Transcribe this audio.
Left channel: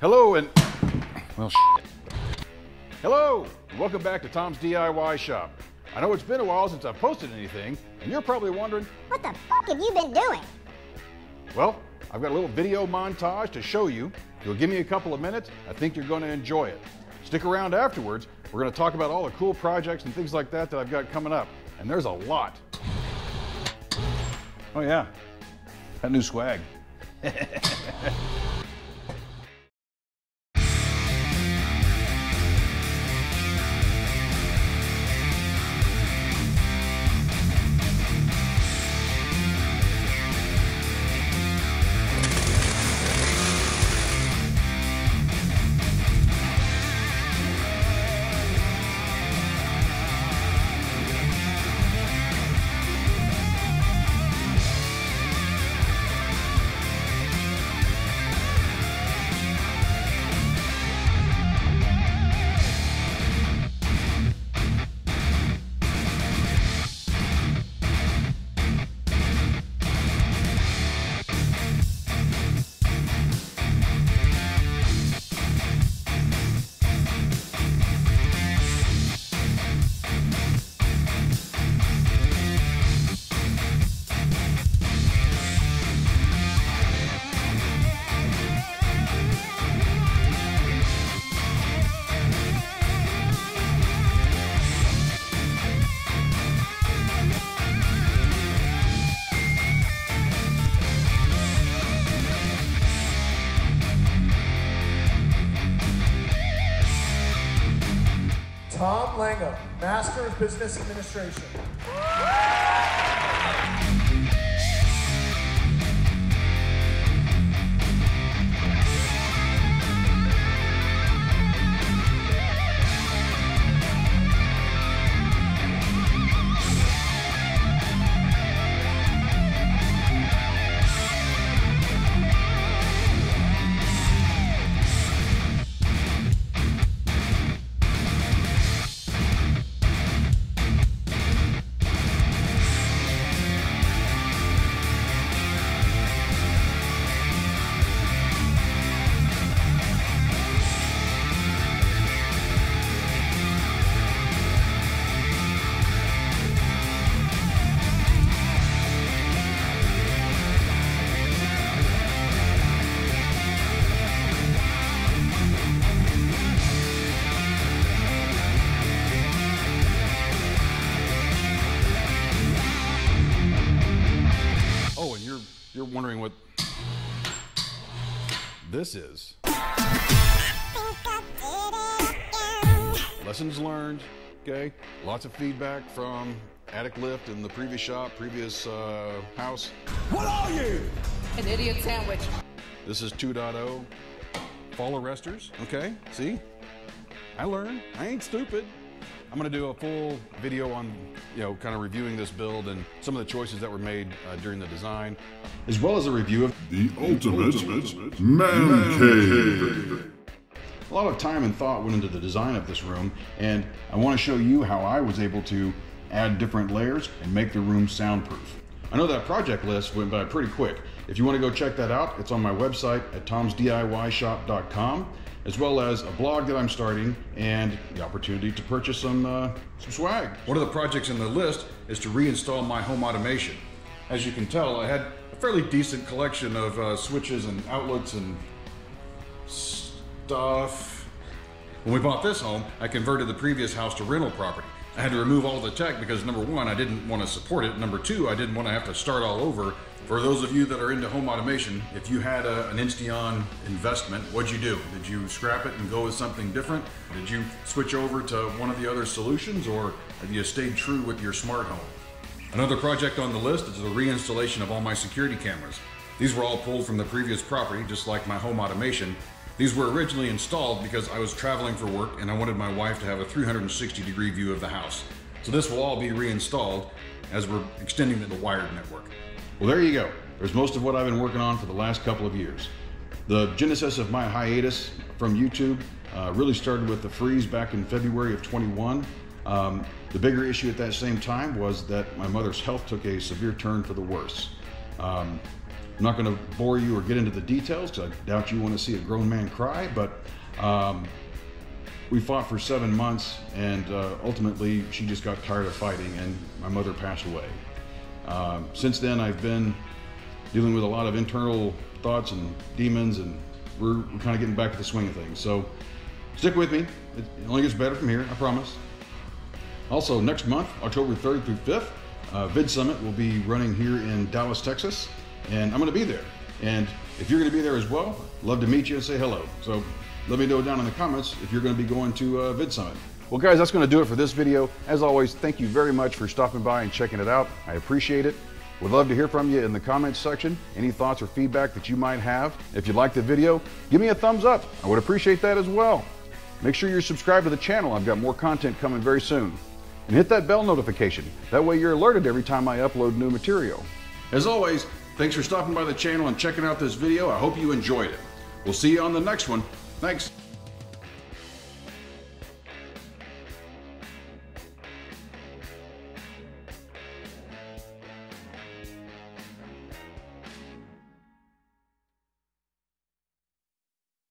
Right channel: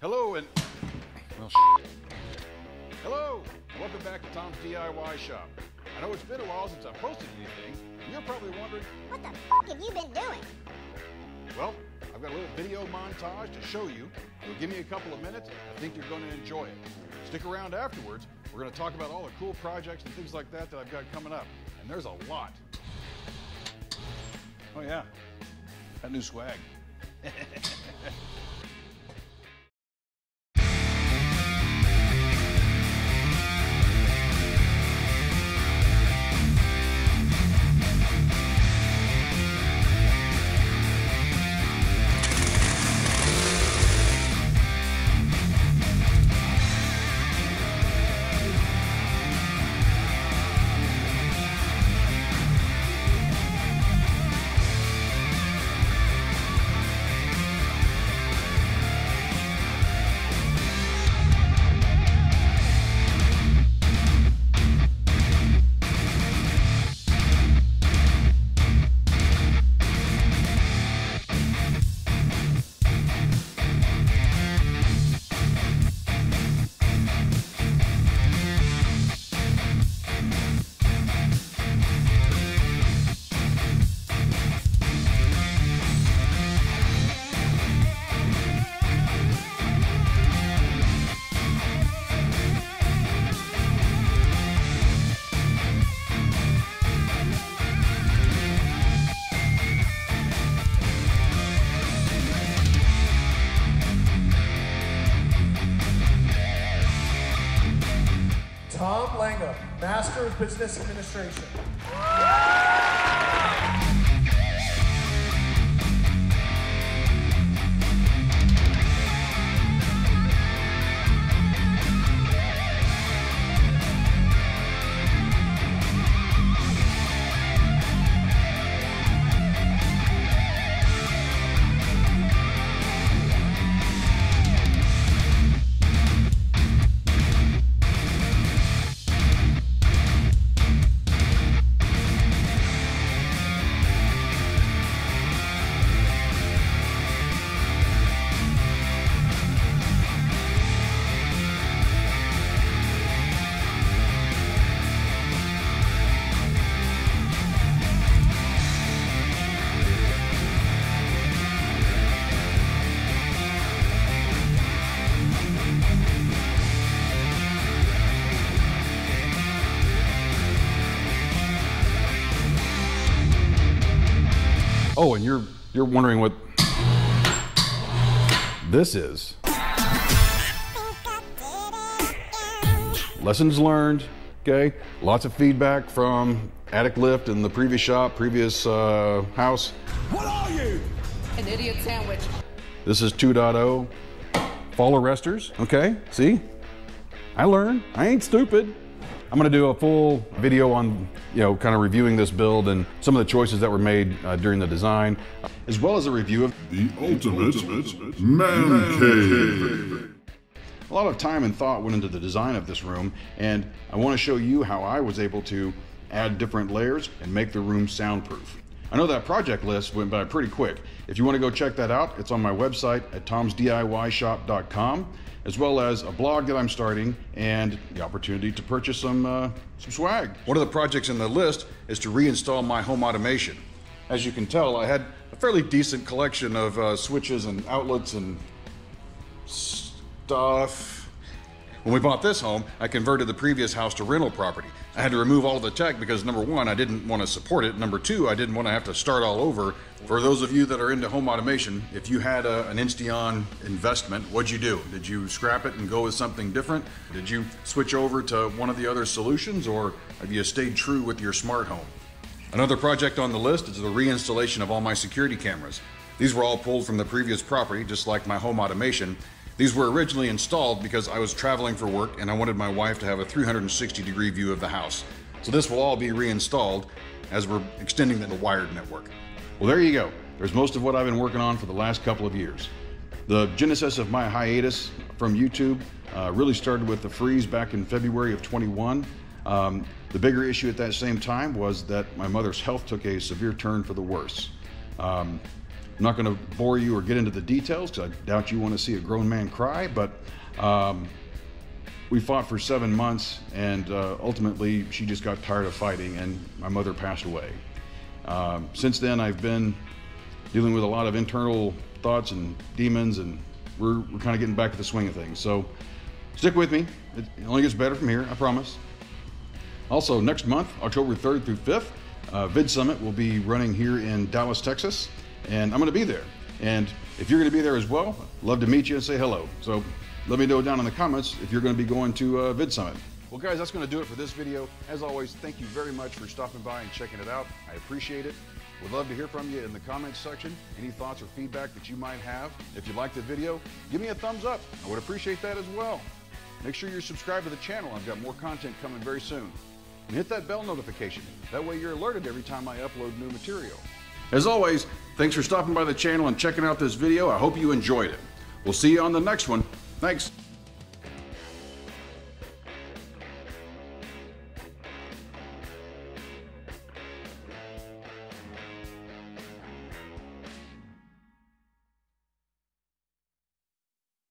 Hello and, well, hello, welcome back to Tom's DIY Shop. I know it's been a while since I've posted anything, and you're probably wondering, what the f*** have you been doing? well, I've got a little video montage to show you. If you'll give me a couple of minutes, I think you're going to enjoy it. Stick around afterwards. We're going to talk about all the cool projects and things like that I've got coming up, and there's a lot. Oh yeah, that new swag. Tom Langham, Master of Business Administration. Oh, and you're wondering what this is. Lessons learned, okay? Lots of feedback from attic lift in the previous shop, previous house. What are you? An idiot sandwich. This is 2.0. Fall arresters, okay? See? I learned. I ain't stupid. I'm going to do a full video on, kind of reviewing this build and some of the choices that were made during the design, as well as a review of the ultimate man cave. A lot of time and thought went into the design of this room, and I want to show you how I was able to add different layers and make the room soundproof. I know that project list went by pretty quick. If you want to go check that out, it's on my website at tomsdiyshop.com, as well as a blog that I'm starting and the opportunity to purchase some swag. One of the projects in the list is to reinstall my home automation. As you can tell, I had a fairly decent collection of switches and outlets and stuff. When we bought this home, I converted the previous house to rental property. I had to remove all the tech because number one, I didn't want to support it. Number two, I didn't want to have to start all over. For those of you that are into home automation, if you had an Insteon investment, what'd you do? Did you scrap it and go with something different? Did you switch over to one of the other solutions, or have you stayed true with your smart home? Another project on the list is the reinstallation of all my security cameras. These were all pulled from the previous property, just like my home automation. These were originally installed because I was traveling for work and I wanted my wife to have a 360-degree view of the house. So this will all be reinstalled as we're extending the wired network. Well, there you go. There's most of what I've been working on for the last couple of years. The genesis of my hiatus from YouTube really started with the freeze back in February of 21. The bigger issue at that same time was that my mother's health took a severe turn for the worse. I'm not going to bore you or get into the details because I doubt you want to see a grown man cry, but we fought for 7 months, and ultimately she just got tired of fighting and my mother passed away. Since then I've been dealing with a lot of internal thoughts and demons, and we're kind of getting back to the swing of things. So stick with me. It only gets better from here, I promise. Also, next month, October 3rd through 5th, Vid Summit will be running here in Dallas, Texas, and I'm going to be there. And if you're going to be there as well, love to meet you and say hello. So let me know down in the comments if you're going to be going to Vid Summit. Well, guys, that's going to do it for this video. As always, thank you very much for stopping by and checking it out. I appreciate it. Would love to hear from you in the comments section. Any thoughts or feedback that you might have. If you liked the video, give me a thumbs up. I would appreciate that as well. Make sure you're subscribed to the channel. I've got more content coming very soon. And hit that bell notification. That way you're alerted every time I upload new material. As always, thanks for stopping by the channel and checking out this video. I hope you enjoyed it. We'll see you on the next one. Thanks.